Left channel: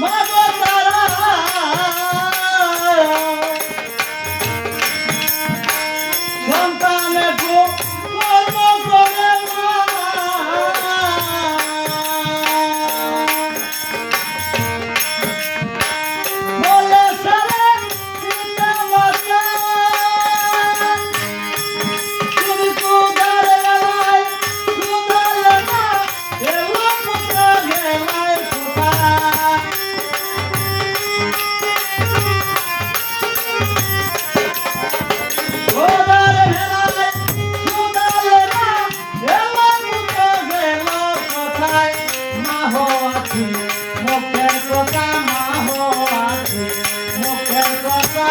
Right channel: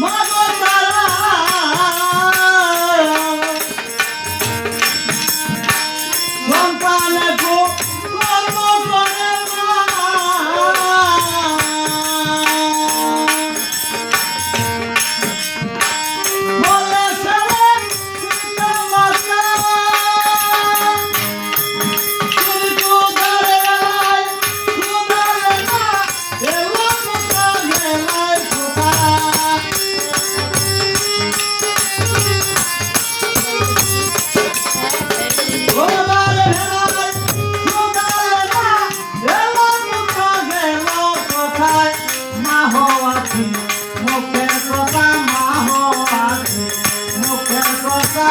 মাগো তারা সন্তানে গো কর্ম করে বলে ছেলে পিতা মাতা সুদারে বেলায় সুদারে না এলো পুত্র বেলায় সুদা সুদারে বেলায় সুদারে না এলো পুত্র গেল কোথায় মা হো আছি মুখের কথা মা হো আছি মুখের কথা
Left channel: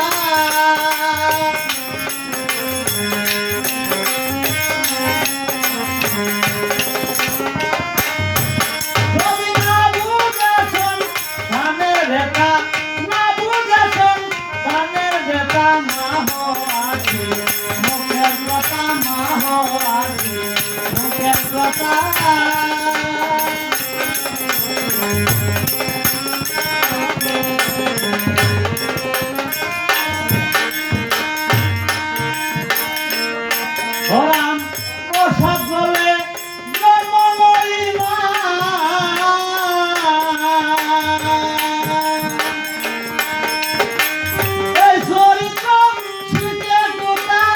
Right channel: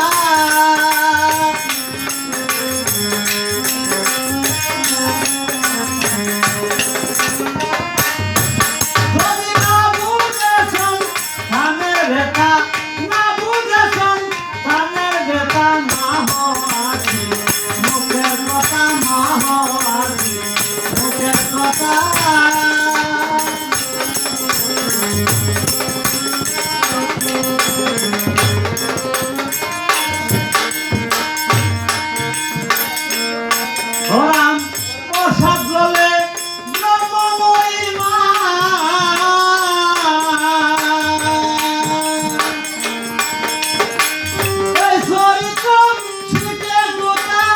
যদি না বুঝেছেন ধানের বেটা না বুঝেছেন ধানের বেটা মা হো আছি মুখের কথা মা হো আছি মুখের কথা ওরাম প্রসাদ বলে জন্মময়ী মা এই চরিত্র শিখে কোথায়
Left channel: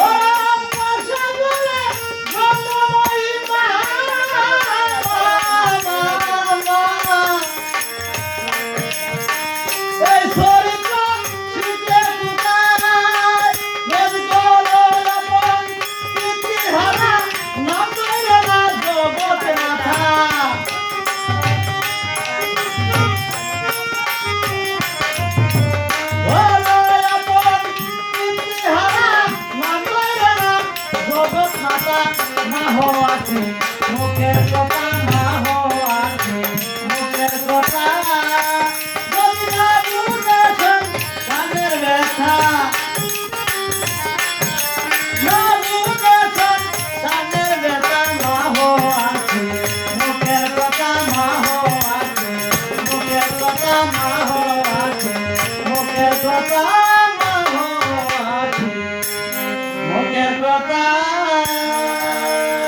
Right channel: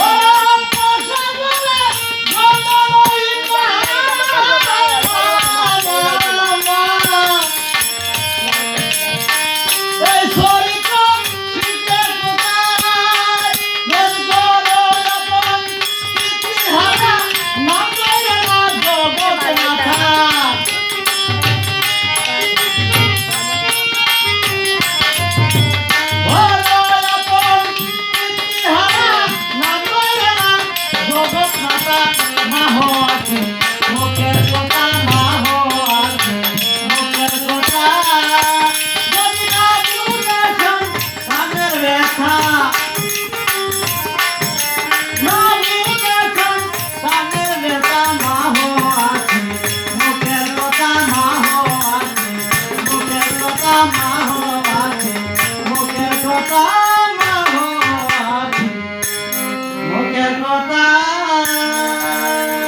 ওরাম প্রসাদ বলে জন্মময়ী মা এই চরিত্র শিখে কোথায় যদি করো আপন ইতিহারা নাম ধরে না জগৎ মাথা করো আপন ইতিহারা নাম ধরে না জগৎ মাথা মা হো আছে মুখের কথা মা হো আছে মুখের কথা যদি না বুঝেছেন তাদের ব্যথা না বুঝেছেন তাদের ব্যথা মা হো আছে মুখের কথা মা হো আছে মুখের কথা মা হো আছে মুখের কথা মা হো আছে মুখের কথা